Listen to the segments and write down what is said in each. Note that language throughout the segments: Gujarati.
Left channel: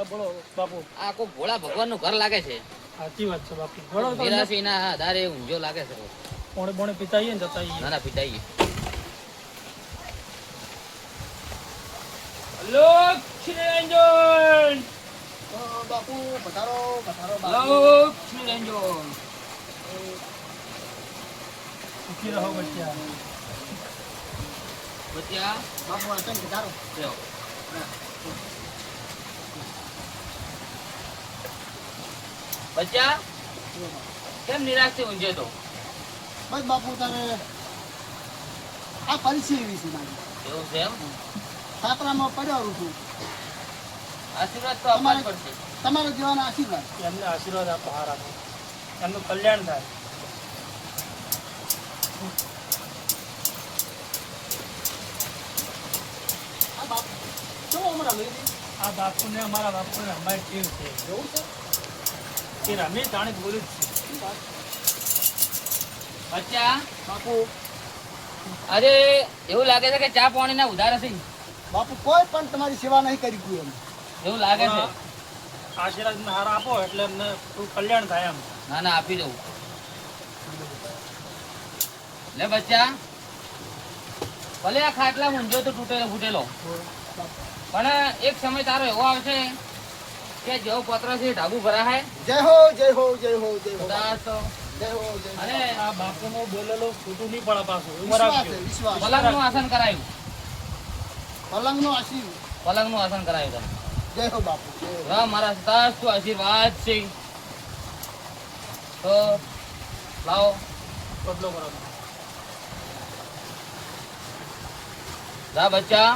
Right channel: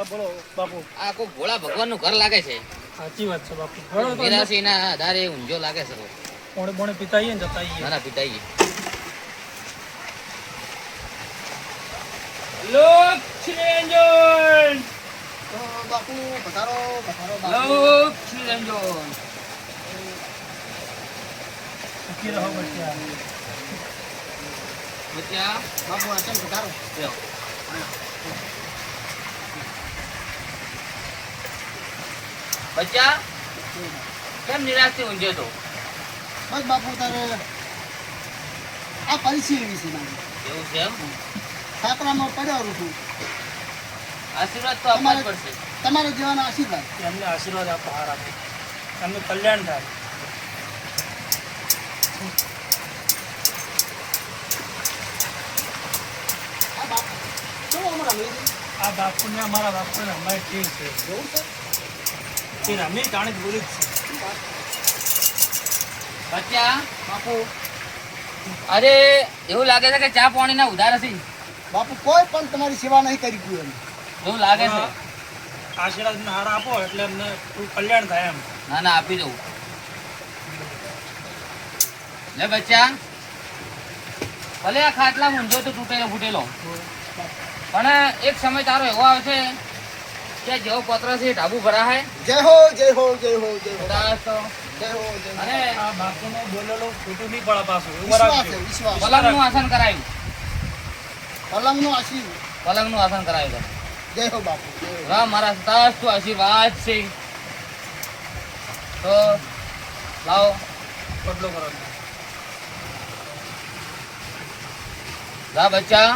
હા બોલો બાપુ. આ કોઈ ભોળા ભગવાનનું ઘર લાગે છે. સાચી વાત છે બાપુ. નિરાશીના આધારે ઊંઝો લાગે છે. પોણે પોણે પિતાઈએ ને જતા ના ના પિતાજી. લક્ષ્મીરંજન તો બાપુ પધારો પધારો લક્ષ્મીરંજન. સુખી રહો બચ્ચા. બચ્ચા બાપુ આચમ પધારો. લ્યો. બચ્ચા કેમ નિરાશથી ઊંઝ્યો તો? બસ બાપુ તારે આ પરિસ્થિતિ વિશે મારી એવું છે એમ? છાપરામાં પડ્યો છું. આશીર્વાદ તો આપવા જ પડશે. તમારા જેવાના આશીર્વાદ. એમને આશીર્વાદ આપો, હાર આપો, એમનું કલ્યાણ થાય. આ બાપુ કેવો અમારા લઈ આ બાપુને અમારા બાપુને અમારી ટીમ છે. એવું છે તે રમી જાણે બોલી જ છે. બચ્ચા બાપુ અરે એવું લાગે છે કે ચા પાણીના ઉધાર હશે. બાપુ કોઈ પણ તમારી સેવા નહીં કરી કોઈ એમ. એવું લાગે છે. આશીર્વાદ હાર આપો એટલે એમને થોડું કલ્યાણ થાય એમ. ના ના આપી દઉં. લે બચ્ચા ભલે આ ખાટલા ઊંઝો તો તૂટેલો ફૂટેલો, પણ એક સમય તારો એવો આવશે કે જેવો પત્ર છે ઢાબુ ભરાય. જય હો જય હો જય હો જય હો કદાચ તો જય હો જય હો. અને આ બાપુનો બોલેલો ખોટું નહીં પડે પાછું. એવું વિશ્વાસ રાખજો. છે વિશ્વાસ. પલંગનું આસન કરાયું. પલંગનો આશીર્વાદ. પલંગનું આસન કરાયું તમે. જય હો બાપુ જય હો. વાહ મારા સતાસ્તુ આશીર્વાદ છે. તો લાવો બદલો કરો. જા બચ્ચા,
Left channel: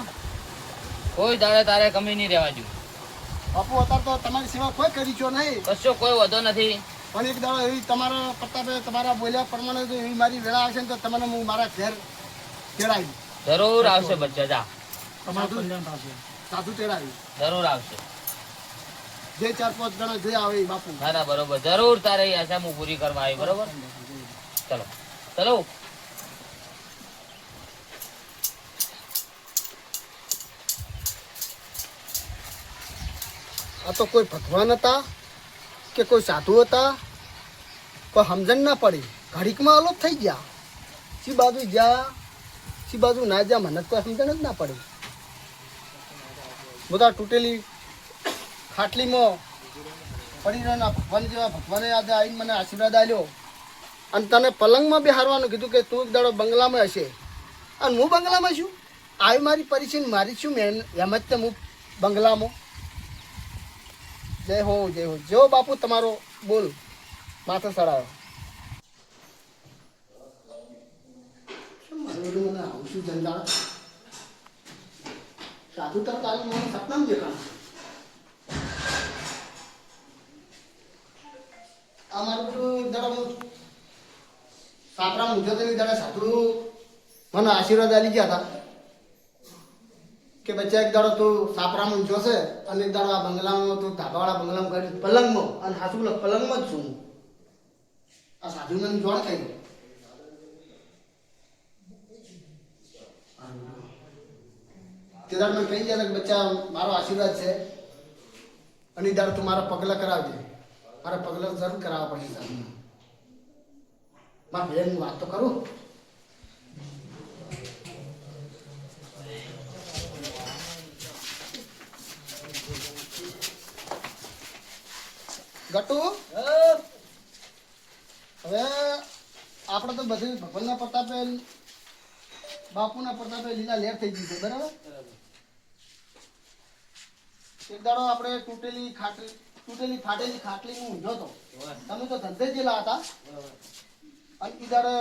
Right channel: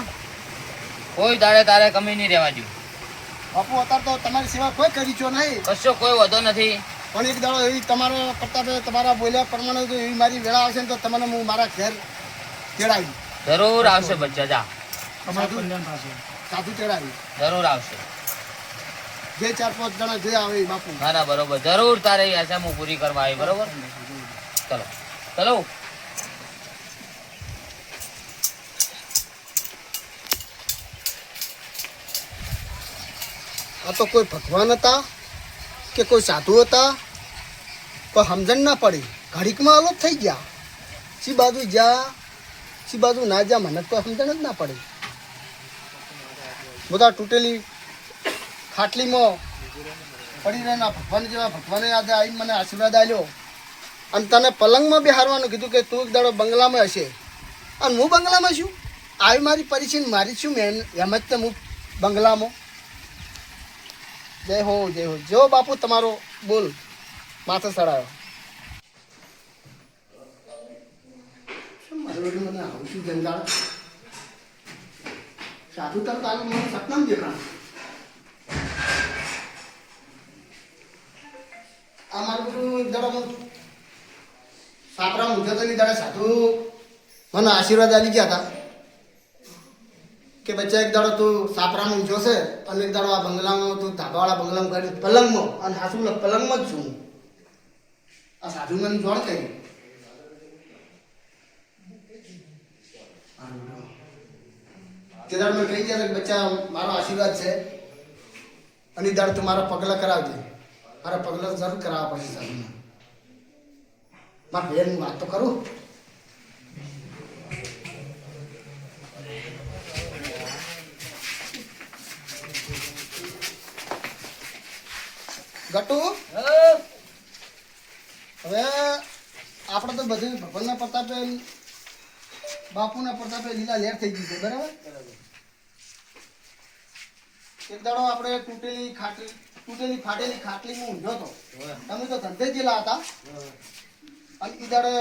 કોઈ દાડે તારે કમી નહીં રહેવા દઉં. બાપુ અત્યારે તો તમારી સેવા કોઈ કરી છો નહીં. કશો કોઈ વધો નથી. પણ એક દાડો એવી તમારા પ્રતાપે તમારા બોલ્યા પ્રમાણે જો એવી મારી વેળા આવશે ને તો તમને હું મારા ઘેર તેડાવી જરૂર આવશે બચ્ચા, જા તમારું કલ્યાણ થશે. સાધુ તેડાવી જરૂર આવશે. જે 4-5 જણા જે આવે એ બાપુ. ના ના બરોબર, જરૂર તારે એ આશા હું પૂરી કરવા આવી. બરોબર, ચલો ચલો. આ તો કોઈ ભગવાન હતા કે કોઈ સાધુ હતા, કોઈ સમજણ ના પડી. ઘડીકમાં અલોપ થઈ ગયા. સી બાજુ જા સી બાજુ ના જા મને કોઈ સમજણ જ ના પડી. બધા તૂટેલી ખાટલીમાં પડી રહેના ભગવાન જેવા ભગવાને આજે આવીને મને આશીર્વાદ આપ્યો અને તને પલંગમાં બેહારવાનું કીધું કે તું એક દાડો બંગલામાં હશે અને હું બંગલામાં છું. આવી મારી પરિચિન મારી છું મેં એમ જ તે હું બંગલામાં. જય હો જય હો. જો બાપુ તમારો બોલ માથે ચડાયો. મને આવું છું જંજાળ. સાધુ તરત આલો મને સપનામાં દેખાણ. આ મારું બધું જરા હું સાપરા મૂંઝો તો જરા સાધુ મને આશીર્વાદ આલી ગયા હતા કે બચ્ચા એક દાડો તું સાપરામાં ઊંચો છે અને એક દાડો આ બંગલામાં તું ધાબાવાળા બંગલામાં કરી પલંગમાં અને હાસુ પલંગમાં જ છું. આ સાધુ મને જોડ થઈ તે દાડ મને કહી ગયા કે બચ્ચા મારો આશીર્વાદ છે અને એ દાડ તું મારા પગલા કરાવજે. મારા પગલા જરૂર કરાવવા પડશે સાધુને. મારા બેન વાત તો કરું. ગટુ હવે આપણે તો બધું ભગવાનના પ્રતાપે બાપુના પ્રતાપે લીલા લહેર થઈ ગઈ છે. બરાબર. એક દાડો આપણે તૂટેલી ફાટેલી ખાટલીમાં ઊંઝો હતો. તમે તો ધંધે જેલા હતા અને ઈ દાડે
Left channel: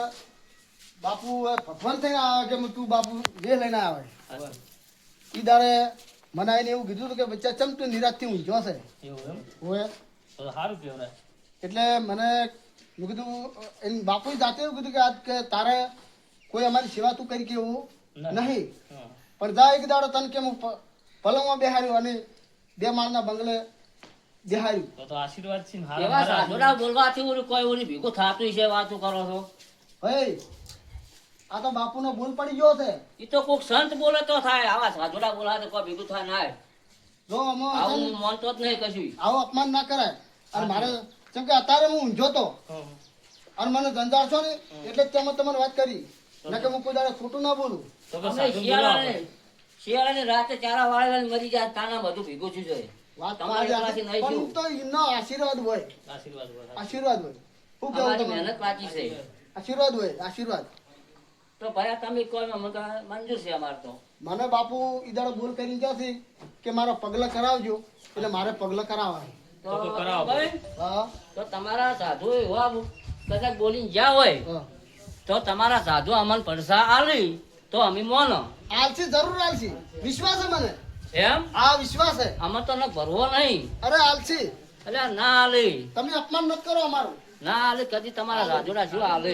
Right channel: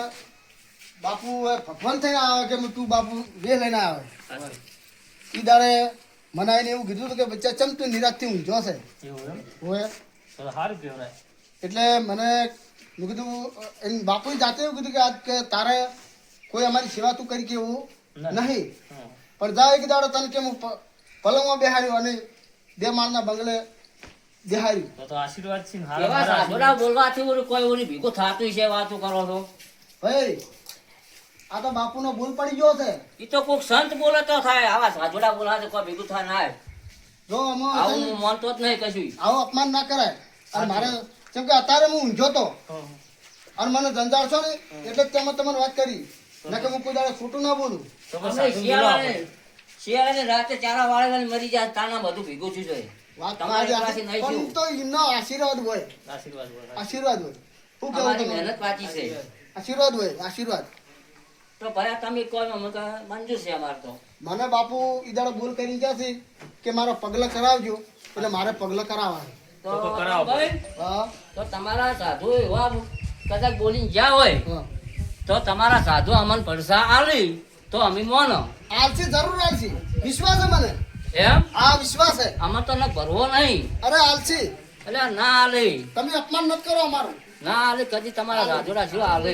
બાપુ ભગવાન થઈને આવે કે તું બાપુ વે લઈને આવે. ઈ દાડે મને આવીને એવું કીધું હતું કે બચ્ચા ચમ તું નિરાશથી ઊંઝો છે. એવું એમ? હોય સારું કહેવાય. એટલે મને મેં કીધું એમ બાપુએ જાતે એવું કીધું કે આજ કે તારે કોઈ અમારી સેવા તું કરી કે એવું નહીં પણ જા એક દાડો તને કે હું પલંગમાં બેહાડ્યો અને 2 માળના બંગલે બેહાડ્યું. તો આશીર્વાદ છે ને. એવા સાધુડા બોલવાથી ઓલું કોઈ ઓલું ભેગું થતું છે. વાતો કરો છો ભાઈ આ તો બાપુનો ભૂલ પડી ગયો છે. એ તો કોઈક સંત બોલે તો થાય. આવા સાધુડા બોલા તો કોઈ ભેગું થાય ના. જો આમાં આવું છે ને, હું માનતો જ નહીં કશું. આવું અપમાન ના કરાય. અને મારે કેમ કે અત્યારે હું ઊંઝો તો અને મને ધંધા છો ને એટલે જ તેમાં તમને વાત કરી નકે હું કોઈ દાડે ખોટું ના બોલું. તો કે અમે સાધુ શિયાળાને રાતે ચારા વાળેલા મરી જાય તાના બધું ભેગું થયું છે. વાત તમારી તમારી પાસે નહીં પણ થયું. તો એમનો આશીર્વાદ હોય, આશીર્વાદ હોય. આશીર્વાદ હોય. શું કેવું અમારી તમારું? મહેનત પાછી છે. આશીર્વાદ હોય, આશીર્વાદ. તો ભયા તમે કોઈ અમે તો મંજૂર છે અમારે તો. મને બાપુ ઈદાડો બોલ કરી ગયા છે કે મારો પગલા કરાવજો એટલે મારે પગલા કરાવવા. તો તો કરાવો. ભાઈ, હા તો તમારા સાધુ એવા કદાચ બોલીને જ્યાં હોય હા. તો તમારા સાધુ અમને પડસા આલી તો અમે મોનો આલસી જરૂર આલસી, વિશ્વાસ છે મને. એમ આ વિશ્વાસ છે. આમાં તો ન ભરવો નહીં. અરે આલસી, એટલે ના આલે તમે અપમાન નથી કરો અમારું. ના આલે કદી તમારા સાધુડા શું આલે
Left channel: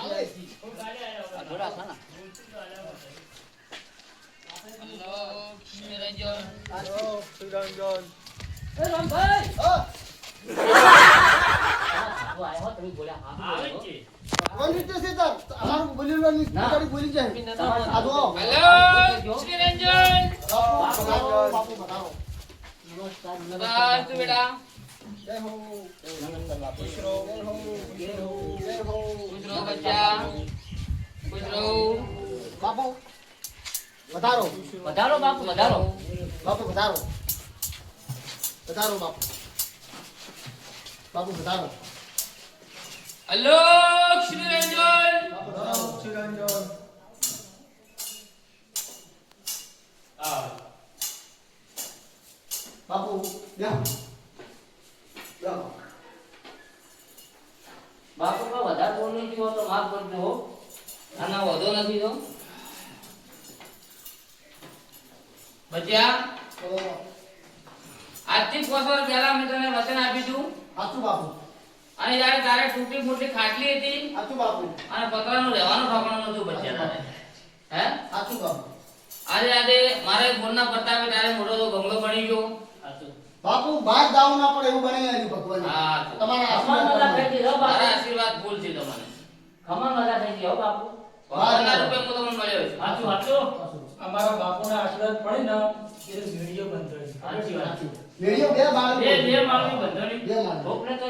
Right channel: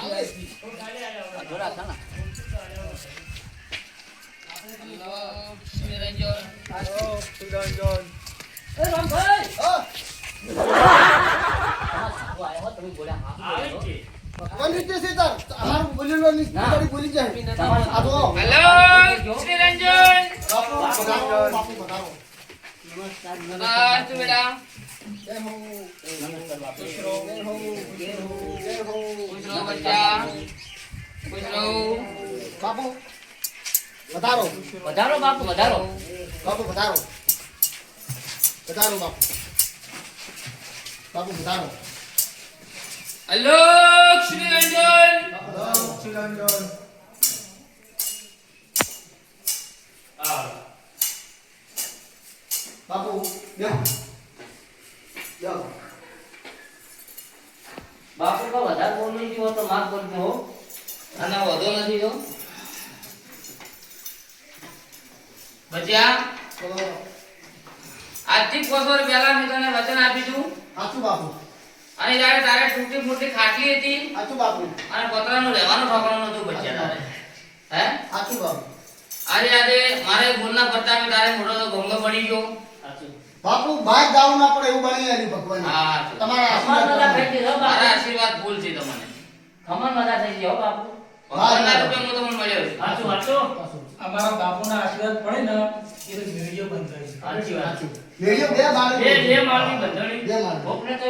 આલે. સાધુડા છે ને. એ રામભાઈ, હા. તમારા સાધુ આવ્યા હો, તમે બોલ્યા હા બોલ્યો. કોણ રીતે છે તાર? અમારું બોલેલું નહીં, ના. તારી બોલી જાય. તમારા આ જો. હેલો શ્રી રંજન બાપુ પધારો, બાપુ પધારો. નમસ્કાર, બસ નમસ્કાર. તું બેટા જય હો. નમસ્કાર બાપુ. જય હો. જય હો. જય હો. ખુશ રહો બચ્ચા ખુશ રહો બાપુ વધારો, વધારો બાપુ વધારો. બાપુ વધારો, વધારો બાપુ, બાપુ વધારો. હેલો શ્રી રંજન બાપુ વધારો. શ્રીરંજન. બાપુ બેહો. બેહો. બાપુ તો વધારે બોલ નહીં થયો તો માફ કરજો હો. આના વધો નથી તો બચ્ચા બોલો. આજથી 5 વર્ષ પહેલા મેં તને વચન આપ્યું હતું સાચું બાપુ, અને જ્યારે તારે તૂટી ફૂટી ખાટલી હતી સાચું બાપુ, અને પતરાનું રહેવાનું ઠોકાણું નતું બચ્ચા તારે હે સાચું બાપુ. આજે મારે બોલના પ્રતાપે તારે મોટો ભંગો પડી ગયો બાપુ બહાર જાવું ના પડે એવું બની આવ્યું ભગવાન. હા તમારા ખમણ નતા આશીર્વાદ થઈ ગઈ હો મારા બાપુ. આશીર્વાદ ફૂલ છે તમને ખમણ નતા થઈ ગઈ હો બાપુ. ભગવાનના રૂપે હું તમને મળ્યો છું સાચું સાચું. અમારા બાપુના આશીર્વાદ પડે ને એટલે વિડીયો બંધ થઈ સાચી વાત. વિડીયો બે માળે બે માળની બંધાણી. બે માળે. કોકને તો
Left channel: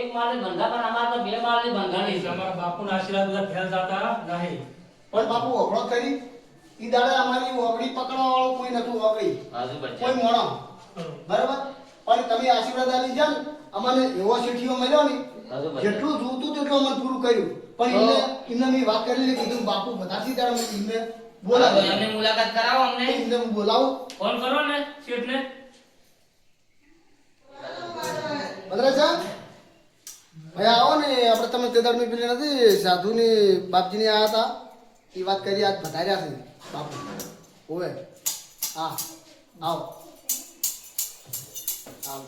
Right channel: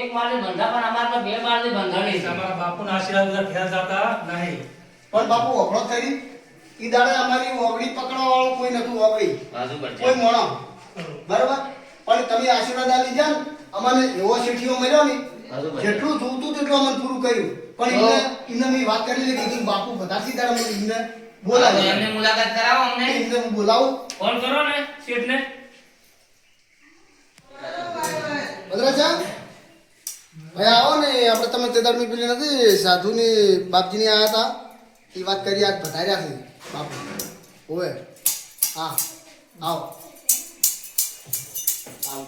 એક માળની બંધા પણ અમારે તો બે માળની બંધાણી છે. અમારા બાપુના આશીર્વાદ બધા ફેલ થતા નહીં. પણ બાપુ ઓગળો થઈ ઈ દાડે અમારી ઓગળી પકડવા વાળું કોઈ નતું ઓગળી, બાજુ કોઈ બચ્ચા મોણો. બરાબર. પણ તમે આશીર્વાદ આલી જા ને અમને એવો શેઠીઓ મળ્યો ને બાજુ બચ્ચા જેટલું જોતું તેટલું અમને પૂરું કર્યું. પણ એને મેં વાત કરી કીધું બાપુ બધાથી દાડે મને એમને બોલાવે. એમને મુલાકાત કરાવો અમને એમને હું બોલાવું. ફોન કરો ને શેઠને. બદરા છે ભાઈ આવો ને આપણે તમે તે દાડે પેલી નથી સાધુની બાપજીની આયા હતા એ વાત કરી આજ વધાર્યા છે બાપુ. ઓય હા આવો આવો.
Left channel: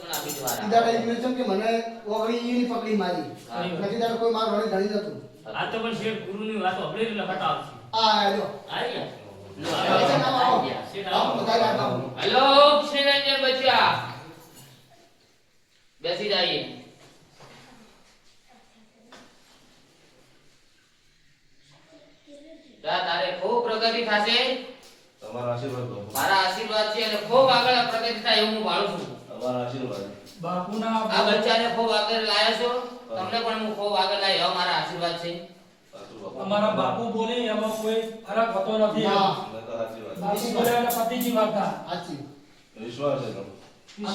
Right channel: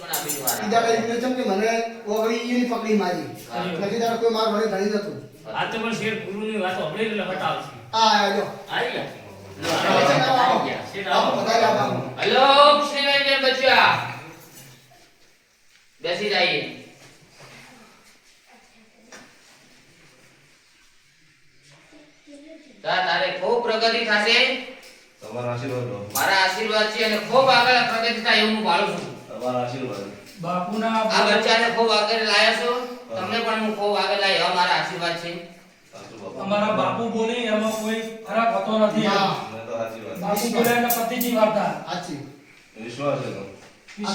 મને આપી દો આરામ. ઈ દાડે એમને જેમ કે મને ઓગળી ઈની પકડી મારી નથી દાડે કોઈ માર ભણી ઘણી નતું. આ તો પણ શેઠ ગુરુની વાત સાંભળી એટલે હટાવશે. આ આજો આવી ગયા. બાપુ બધાય બાપુ. હેલો શ્રી રંજન બચ્ચા બેસી જઈએ તારે ખૂબ પ્રગતિ થશે તમારા આશીર્વાદ બાપુ. મારા આશીર્વાદ છે અને ખૂબ આગળ પ્રગતિ થાય એવું હું ભાળું છું તમારા આશીર્વાદ. બાપુના આ બચ્ચાને ખૂબ આગળ લાયા છો તમને પણ હું ખૂબ આગળ લાવ્યો એવા મારા આશીર્વાદ છે સાચું બાપુ. અમારા બાપુ બોલે એમાં કોઈ ફરક હોતો નથી. ના. મને તો સાચી વાત. બાપુ બોલે એટલે પતિજી વાર્તા. સાચી. વિશ્વાસ છે તમને. આ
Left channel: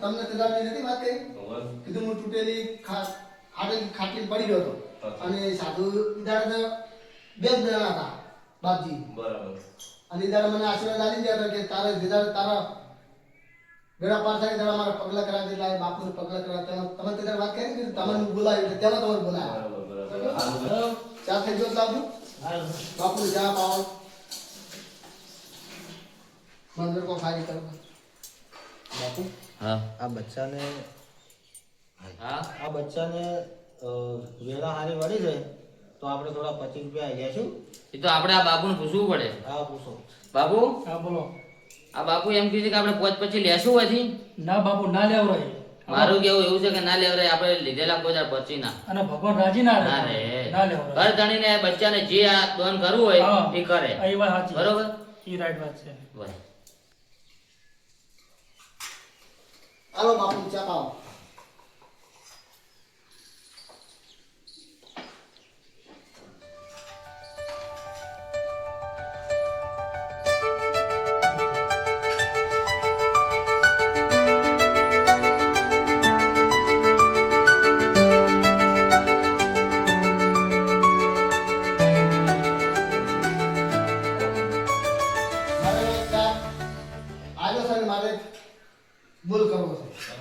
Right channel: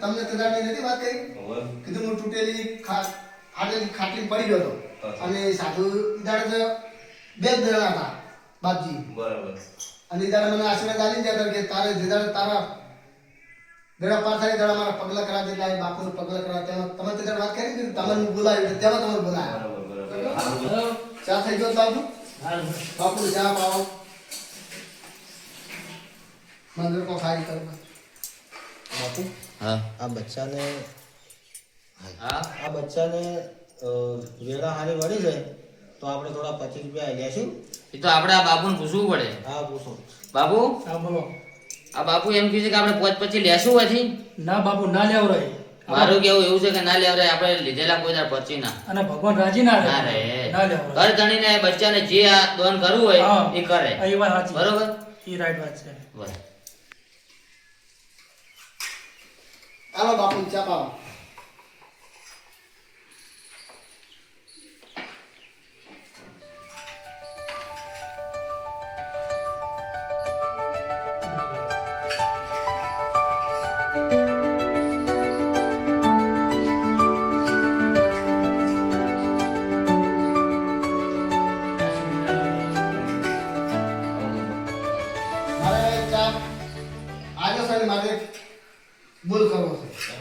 તમને તે દાડે નથી વાત કરી ખબર? કીધું હું તૂટેલી ફાટેલી ખાટલી પડી ગયો હતો અને સાધુ ઈ દાડે તો બે જ જણા હતા બાપજી. બરાબર. અને ઈ દાડે મને આશીર્વાદ આલી ગયા હતા કે તારે જે દાડે તારા બેડા પાર થાય દાડે મારા પગલા કરાવી દેતા એ બાપુને પગલા કરાવ તેમાં તમે તે દાડે વાત કરી ને તમને હું બોલાવ્યું એટલે તેમાં તમને બોલાવ્યા. બરાબર બરાબર. ચા થઈ ગયો બાપુ? બાપુ ચા પાવો મંદિર કો ખારી કરો બાપુ. હા આ બચ્ચાને હા આ બચ્ચાને વેળા હારી વળી જાય તો આપણે થોડા 25 રૂપિયા આઈ જશું. એ તો આપણે આ બાપુને પૂછવું પડે હા પૂછો. બાપુ હા બોલો. આ બાપુ એમ કહે છે કે આપણે પોચ પછી લેશું હોયથી ના બાપુ ના લેવરાય. મારું કેવું એવું છે કે ના લેવરાય આપણે લીધેલા કોઈ દાડ પછી ના અને ભગવાન રાજી ના ના રહે. રે ના લેવરાય. ઘર ધણીને બચ્ચાને જે આ દોન કરવું હોય હા. એ કરે આ એ વાત સાચી. બરોબર ઈ રાઈટ વાત છે. બસ. હાલો બાપુ ચા પાવો. મારે ચા આવ્યો છે ને મારે બોલ કરવો છે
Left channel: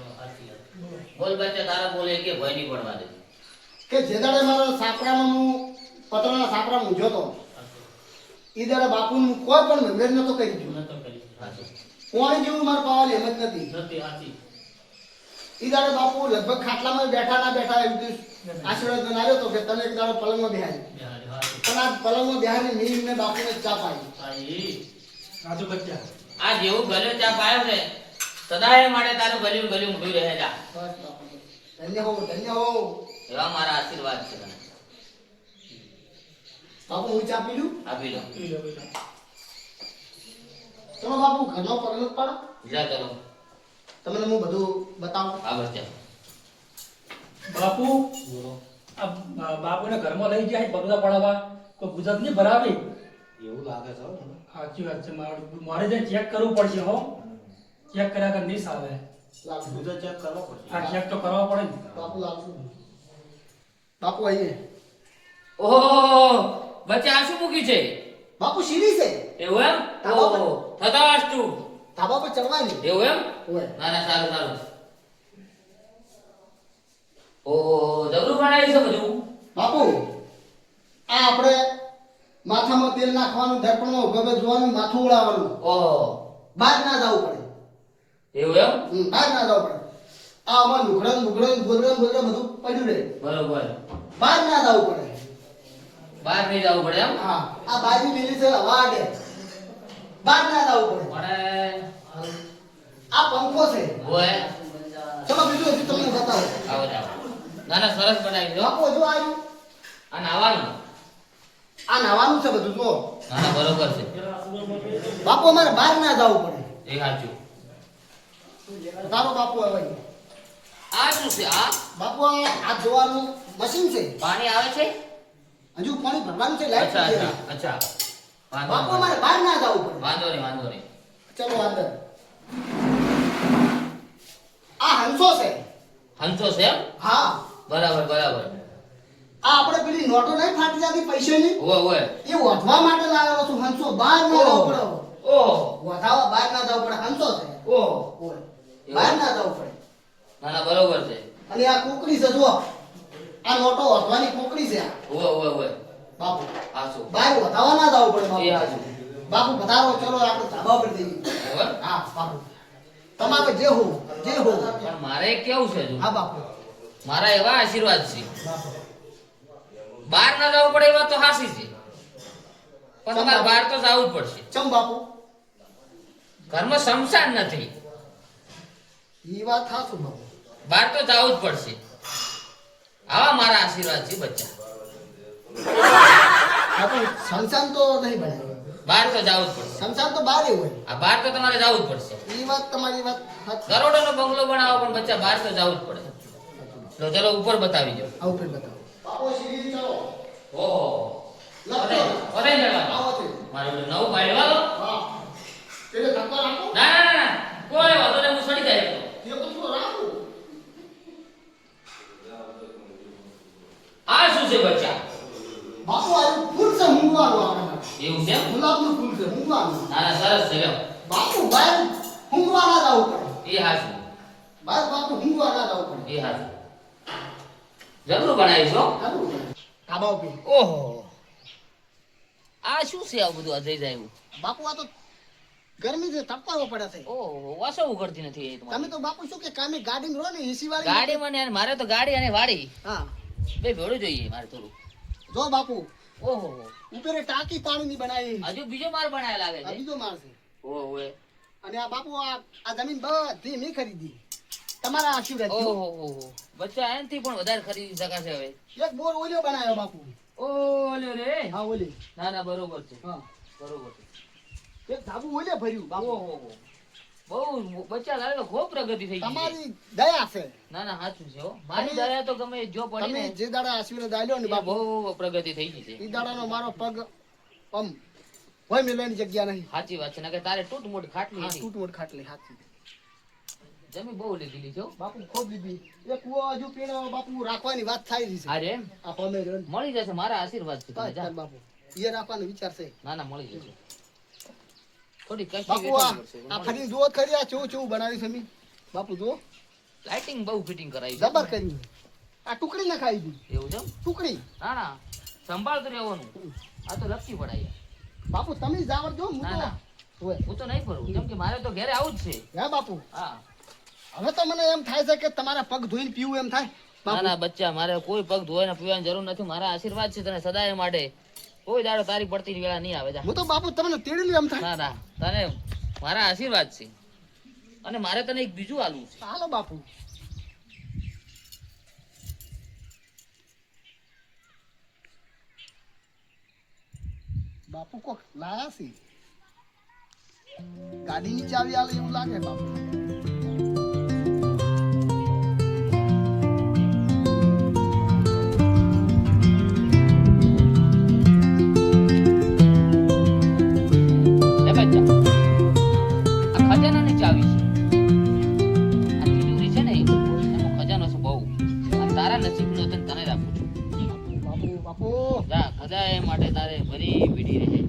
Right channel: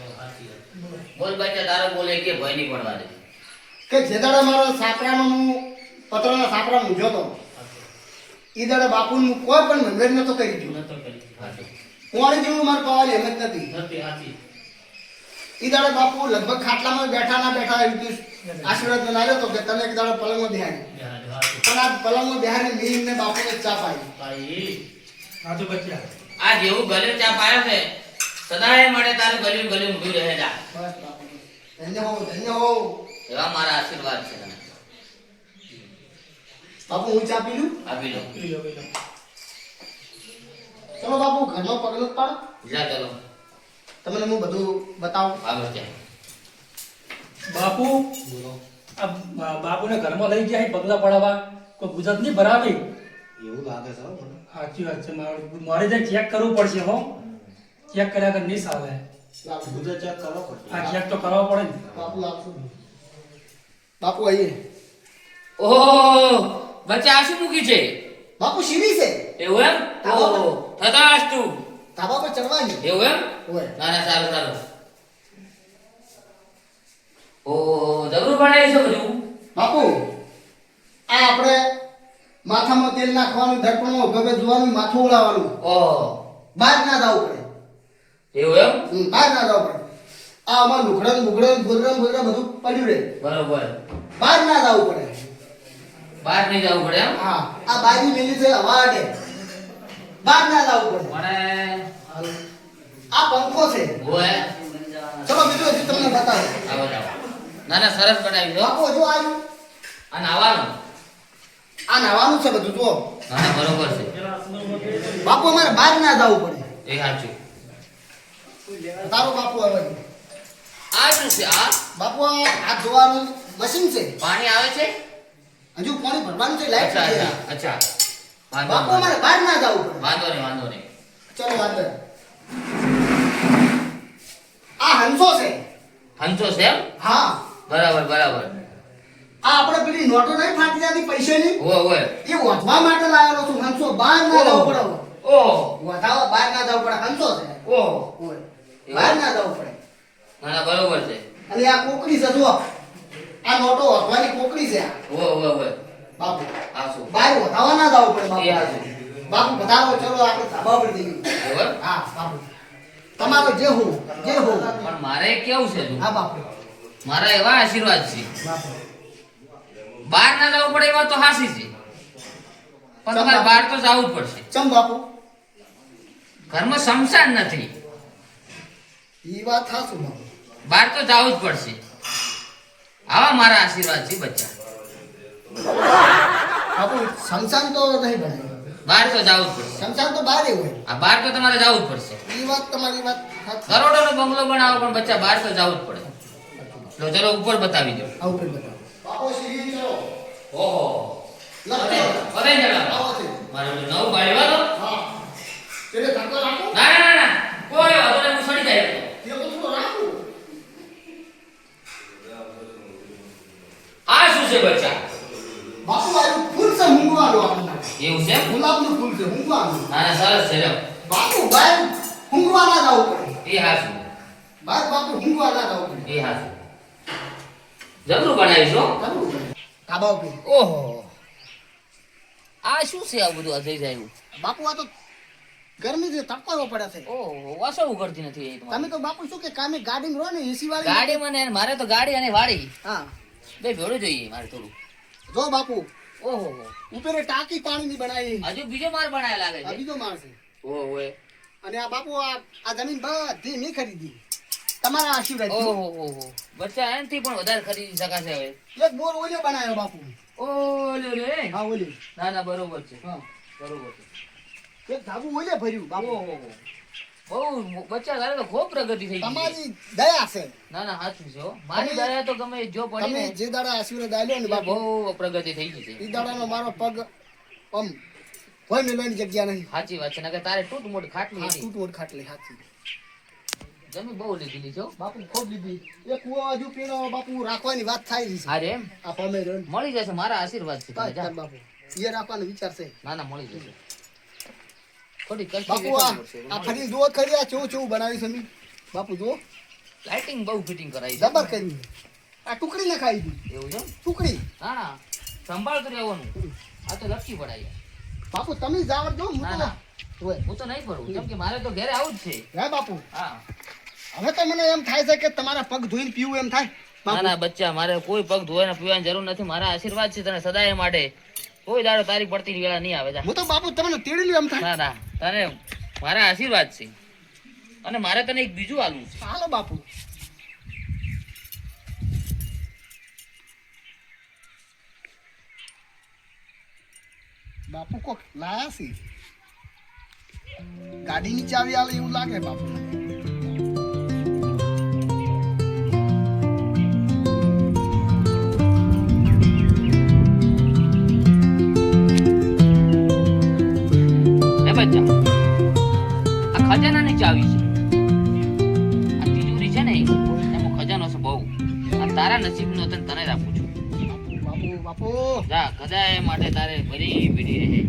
બોલ બચ્ચા, તારો બોલે કે ભય નહીં પડવા દે. કે જે દાડે મારા સાપરામાં હું પતરાના સાપરા મૂંઝ્યો તો એ દાડે બાપુનું કોઈ પણ મંદિર નતો કરી ગયું. કોણ જેવું મારે પાવાની હિંમત નથી. એ દાડે બાપુ લગભગ ખાટલામાં બેઠા ના બેઠા એવી રીતે આશીર્વાદ બનાવ્યો તો કે તને એક દાડો પલંગમાં બેહાડી. પણ આ પલંગમાં બેહાડીને મેં એમને બાપુને ચા પાઈ. સાચું બચ્ચા. આ જેવું ગલ્યું ચા પાયો છે, સદાય માટે તારું ગલ્યું ગલ્યું ઊંધું રહે જા. બસ બાપુ ધન્ય હો ધન્ય હો. એવા મારા આશીર્વાદ છે તને. બાપુ હું ચા પી લઉં. આપી દો. પી લો, પી લો. ચલો બાપુ ઘરનો પગલો જ પાડો. જા ચલો. તમને હું બધું બતાવું. આ બચ્ચા. બાપુ આ બાપુને ઘરમાં લઈ ગયા છે પગલા પડાવવા, કોઈ ગુજરાત નહીં ભરાવે. એવું લાગે છે મને. સાચી વાત છે. મારે જઈને ચેક કરવું પડશે. હો, ચેક કર્યા વગર નહીં સાલે. ગુજરાત ચેક કરવો પડશે. આ ચેક તો કરવા પડે ને. બાપુ લાવશું. બાપુ આવીએ. ઓહો, બચ્ચા આ શું મૂકી છે? બાપુ સીડી છે. એવું એમ? ઓહો, થતાસ્તુ. ધાબા પર ચડવાની. એવું એમ? ઓય. ના ના, સારું સારું. ઓહો, જબરું બનાવ્યું છે બધું. બાપુ આ આપણે માથામાં તેલ નાખવાનું, દર્પણમાં ઉભા ઉભા જોવાનું, માથું ઉડાવવાનું. ઓહો, બહાર ના જવું પડે. એવું એમ? બહાર ના જવું પડે. આ અમાર લુગડા ગોદરા બધું પડ્યું રહે. બરોબર. બહાર ના જવું પડે. બહાર નહીં જવું પડે એમ? હા, આ બાજુ મેલી છે હવા આડે. બહાર ના જવું પડે. મને આ પંખો છે. ઓય, ચલો બીજું હજી તમને બતાવો. આવો જાઓ. ના ના, સરસ બનાવ્યું છે હો. બાપુ હજુ આવ્યું. આ નાવાનું. આ નાવાનું છે બધું જો. ના ના, બરોબર છે. બાપુ અમારે બહાર ના જવું પડે. એ સાચું. તારો બાપુ આવે. આ શું છે? આ બાપુ આ હાથ ધોવાનું મશીન છે. પાણી આવે છે? હજુ પાણી ભરવાનું છે. લાઈટ અચ્છા છે. અચ્છા અચ્છા. વાંધો બાપુ નહીં, અમારે બહાર ના જવું પડે. વાંધો નહીં, વાંધો નહીં. ચલો અંદર. આ હંસો છે. હંસો છે એમ? હા, બરાબર બરાબર. આ આપણે પેલી નોટો નહીં ફાટી જતી પૈસાની, ઓય ઓય. એ વધવા માટે લાવેલો છું. હંસો બહાર ના જવું પડે. ઓહો વધાવા બહાર ના જવું પડે. હંસો છે. ઓહો. ઓય. બહાર ના જવું પડે. ના ના, બરોબર છે. અને આ કોકડી છે જુઓ. આ નોટો વધવાની કોકડી છે આ. ઓય ઓય ઓય. બાપુ આ શું? બહાર વધાવા ના જવું પડે. એ બાપુ હાચું. બાપુ વધારો. ચલો આપણે ધાબા પર જઈએ. બરોબર. હા બાપુ, તમારો જે હો જે હો. પણ મારે કેવું છે તું? હા બાપુ. મારા એવા આશીર્વાદ છે, બાપુ બહાર ના જવું પડે એમાં તો હાસી છે, પણ તમારે બહાર તો જવું જ પડશે. ચમ બાપુ. ઘરમાં શમશાન નથી, એ વાત થાશું બાપુ. બહાર તો જવું જ પડશે. આવા મારા આશીર્વાદ છે બચ્ચા. બાપુ સંસાન તો નહીં બનાવ્યો. બહાર તો જવું જ પડશે. સંસાન તો બહાર હોય. આ બહાર તો તમારે જવું જ પડશે. એ વાત તમારી વાત સાચી. કરોડોનો બંગલો બનાવો પણ બચ્ચા બહાર તો જવું જ પડે. લો ચલો ઉપર બતાવી દો. આવું કઈ બતાવો. બાપુ સીડી ચલો. ઓહો, લખો. પતે જણાવો. આવો છે. મારે પેલું નવું પાડ્યું હતો. હા. તેને ધક્કો રાખો. ના ના ના ના, કોઈ વાંધો નહીં, હું સડી જાય તો. તે થોડું રાખો. આ શું છે બચ્ચા? બાપુ આયું ફૂલ છે ઊંઘવાનું આપણે. એવું છે? ગુલાબનું ફૂલ છે ઊંઘવાનું. ના ના, સરસ છે લ્યો. બાપુ બહાર ઊંઘવા ના જવું પડે. એ હાચું, બહાર બાપુ ઊંઘવા ના જવું પડે. એ હાચું. જબરું બનાવ્યું છો. જવું પડે. ધાબા ઉપર. ઓહો, આ શું છે આ બધું? આ થઈ જાય એવું. બાપુ આ તો ગરમી છે, તડકો પડે છે. ઓહો, વાસો ઉઘડતી નથી એ તમારે. તમે તો બાપુ શું કે કામે ગાડીમાં રહો ને એસી વાળી. ગાડી મને મારે તો ગાડી અને વાડી હા. બે ભેળું જોઈએ મારે થોડું. જો બાપુ ઓહો, ઉપરે ટાંકી પાણીની બનાવી. હજુ બીજો માલ બનાયા લાગે આ છે. બીજો માળ છે. ઓહો અને આ બાપુ આ જમીન બધી મેં ખરીદી. તમારા આશીર્વાદ. ઓહો, બચ્ચા એનાથી પણ વધારે ખરીદી શકાશે હવે. એક બોર ઓલ્યો બનાવ્યો બાપુ. ઓલે રે. હા ઓલી. ના ના, બરોબર છે, હા. બરોબર છે. એક ધાબુ ઓલે ભર્યું બાપુ. ઓહો. બહુ બચ્ચા તારે તો ખૂબ પ્રગતિ થઈ ગઈ છે. તમારી દયા છે. ના ના સાચું છે હો. મારી તમે- દયા તો ગમે જો પડી તમે ને જે દાડા આશીર્વાદ આલ્યો ને એ બાપુ, બહુ પ્રગતિ થઈ ગઈ છે. એ દાડાનો મારો પગ આમ કોઈ મેલવાની જગ્યા નહીં. સાચી વાત છે ને કે તારે તૂટ મોટ ખાટલી હા, હતી. તૂટમોટ ખાટલી હાચી. જમી બહુ લીધી છો. બાપુ ખૂબ લીધી. એ કૂવો હજુ પીણો બાપુ રાખવાની વાત થાય રહી છે. અરે એમ આ પમે રહ્યો ને. મળી જશે મારા આશીર્વાદ છે. તમે બસ, જા. બસ બાપુ એ રાખવાનો વિચાર છે. ના ના મળી જશે. થોડી કષ્ટી બાપુ વેઠવી પડશે. આ ફરી જુઓ ખરી આ ચેવું ચેવું બનાવ્યું છે મેં. બાપુ જુઓ લાઇટિંગ બહુ ફિટિંગ કરાવી છે. જબર કરી. આ ટુકડી ના ખાઈ દીધી. એવું છે એમ? ટુકડી. ના ના સંભાળતું રહેવાનું. આ તો લપસી પડાય. બાપુ તમે જાવ જો હું ના તો ના હોય. હું તો નહીં ફરું કેમ કે મારે તો ઘરે આવું જ છે. હે બાપુ હા હવે તો મને એમ થાય છે કે તમારા પગ ધોઈને પીવું એમ થાય. ના બાપુ ના બચ્ચા મારે કોઈ પગ ધોવાને પીવાની જરૂર નથી. મારા આશીર્વાદ છે તને સદાય માટે. કોઈ દાડો તારી પડતી વેળા નહીં આવે. જા. હું તો બાપુ તમને તેડી લ્યો એમ થાય. ના ના તને મારા આશીર્વાદ છે અને મારે તને એક બીજું આલવું છે. હાલો બાપુ. બાપુ કોક લાયા છે. ગાડીની ચાવી આલે એવું લાગે બાપુ. એ બચ્ચા આ ખજાનાની ચાવી છે. આ તિજોરી છે ને એમાં ખજાનો છે બહુ. આ તારા નસીબનો તને તને જ આપું છું. બાપુ બાપુ જા ખજાએ માટે તારે ભરી પીડી રહે.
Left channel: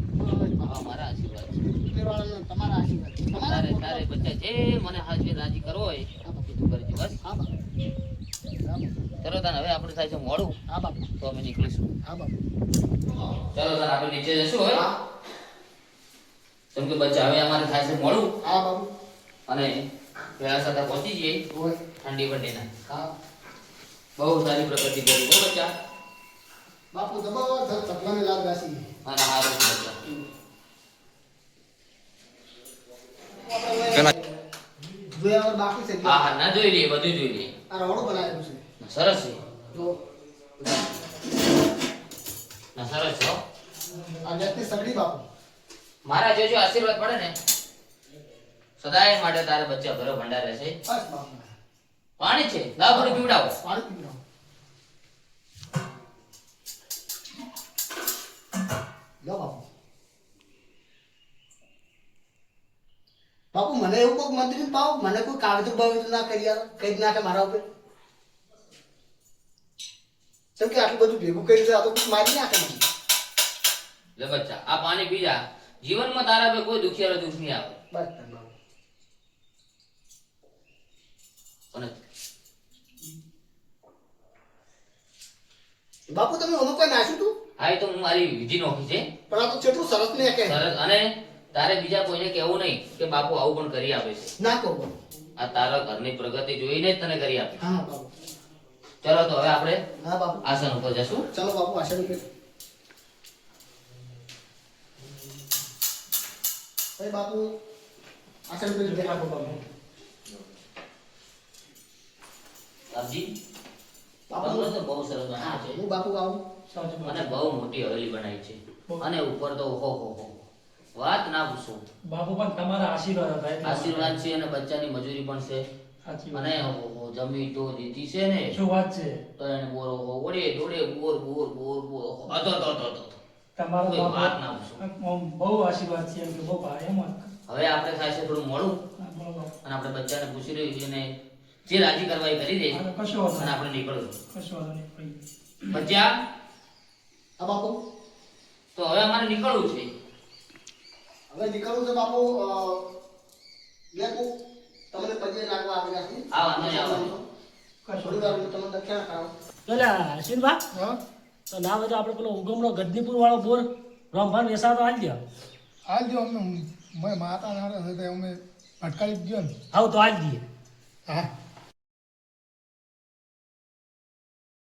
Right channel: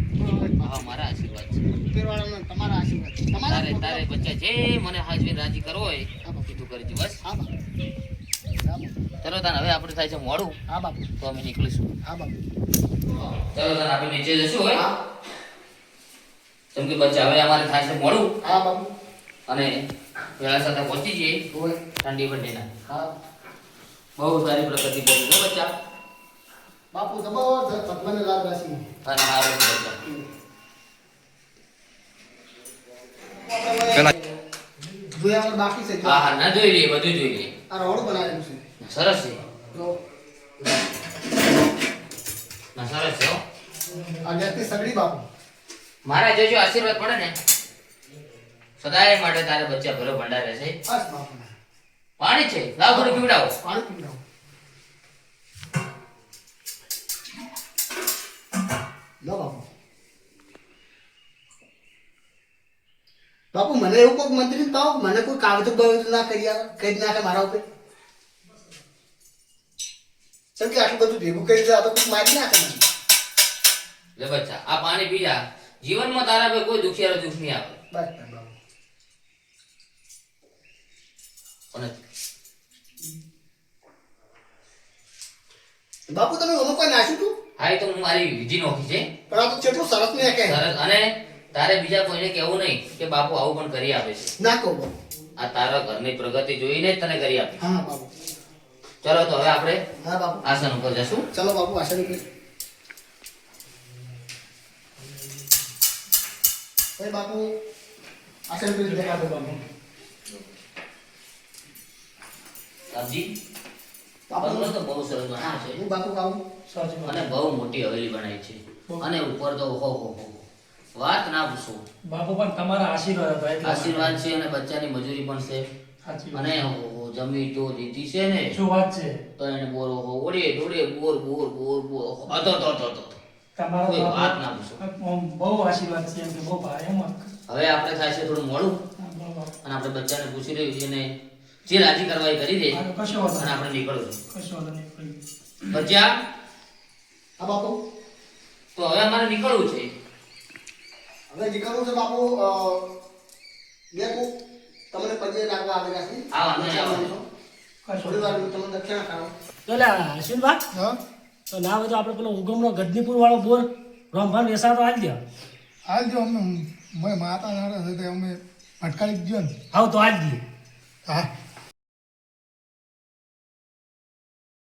હા મારા આશીર્વાદ છે. ઉપરવાળાના તમારા આશીર્વાદ છે. તમારા તારે તારે બચ્ચા જે મને હાજરી રાજી કરવો હોય એ તું કરજો બસ. હા બાપુ. હા બાપુ. ચલો તને હવે આપણે થાય છે મોડું હા બાપુ. તો અમે નીકળીશું. હા બાપુ. ચલો તને આપણે નીચે જશું હવે કેમ કે બચ્ચા હવે અમારે થાય છે મોડું હા બાપુ. અને વેળા સાથે પહોંચી જઈએ હોય. ઠંડી બંડીના. હા બહુ સારી પ્રગતિ કરી છે બચ્ચા. બાપુ જબરદસ્ત ભગવાને લાગ રાશી. અને સારું છે બચ્ચા. પેલા જોયા વગર બાકી છે. હા હા ના જોઈ લઈએ બધું જોઈ લઈએ. આ રોડ બનાવેલું છે. સરસ છે. તો ના સરસ છે હો. આ ગેસની સગડી બાપુ. મારા જોજો આશીર્વાદ પડે ને સદાય માટે તારા બચ્ચા ભરો ભંડાર રહેશે. બસ બાપુ. પાણી છે લાવ થોડું પીવડાવો. પાણી પીવડાવો. લો બાપુ. બાપુ મને એવું કોઈ મંત્રી પાવ મને કોઈ કાગજો બાગજો ના કરી નાખે મારા ઉપર. કેમ કે આટલું બધું ભેગું કરી દે આ તો કોઈ મારી નાખે મને. લે બચ્ચા આ પાણી પી જા. જીવનમાં તારા पे કોઈ દુખિયારો દુખ નહીં આવે. બસ બાપુ. અને બાપુ તમે ઓનો કોઈ નાખ્યું તું હા એ તો હું મારી વિધિ નોખી છે. પણ આ તો કેટલું સરસ ને કહે. સરસ. અને તારે બીજા કોઈને કહેવું નહીં કે બાપુ આવું પણ કરી આપે છે. ના કહો બાપુ. આ તારા ઘરની પ્રગતિ જોઈને જ તને કરી આપે. હા બાપુ. ચલો તો હવે આપણે હા બાપુ. આસન ઉપર જશું. ચલો બાપુ આશા નીકળે. ભાઈ બાપુ આશા નીકળી દેખાડો બાપુ. સાબજી બાપુ બંગલો તો બહુ સરસ બનાવ્યો છે હું બાપુ આવું. સાચી વાત. અને બહુ મોટી હવેલી બનાવી છે. અને ઉપર તો હો વાત ના પૂછો. બાપુ પણ તમારા આશીર્વાદ હતા એટલે આશીર્વાદ છે અને બચ્ચાની મજૂરી પણ છે. સાચી વાત. અને જમી તો દીધી છે ને શું વાત છે તો એને બોર ઓડે દોડે બોર બોર બોર બોર હતો તો તમારા કોઈ વાત બાપુ ના પૂછો. આમ બહુ આશીર્વાદ છે એમ કે બહુ ભારે એમ જ. હવે આપણે થાય છે થોડું મોડું હા, બોલો બાપુ. અને આપણે બચ્ચાને પૂછી રહ્યું છે અને જે રાજી કરવા એ કરી દે હા, તો કશો વાંધો અને નહીં. આપણે નીકળવું. કશો વાંધો નહીં. કોઈ. બચ્ચા હા બાપુ. તો હવે અમારે નીકળવું છે. હવે નીકળવું છે બાપુ. દેખું તમને પગે લાગવા આવેલા છે. આ વાંધો નહીં, આ વાંધો કશો થોડી વાર હું તમને દક્ષિણા કરાવું. પેલા અશ્વિનભાઈ હા તો ના હોય તો આપણે પેલો ઉગમનો ગદનીપુર વાળો બોર રમભાન વેસા તો આલી દે. હાલ જો અમને માતા નારા છે તે અમે અટકાવી જ ગયો ને આવ તો આલી દઈએ. હા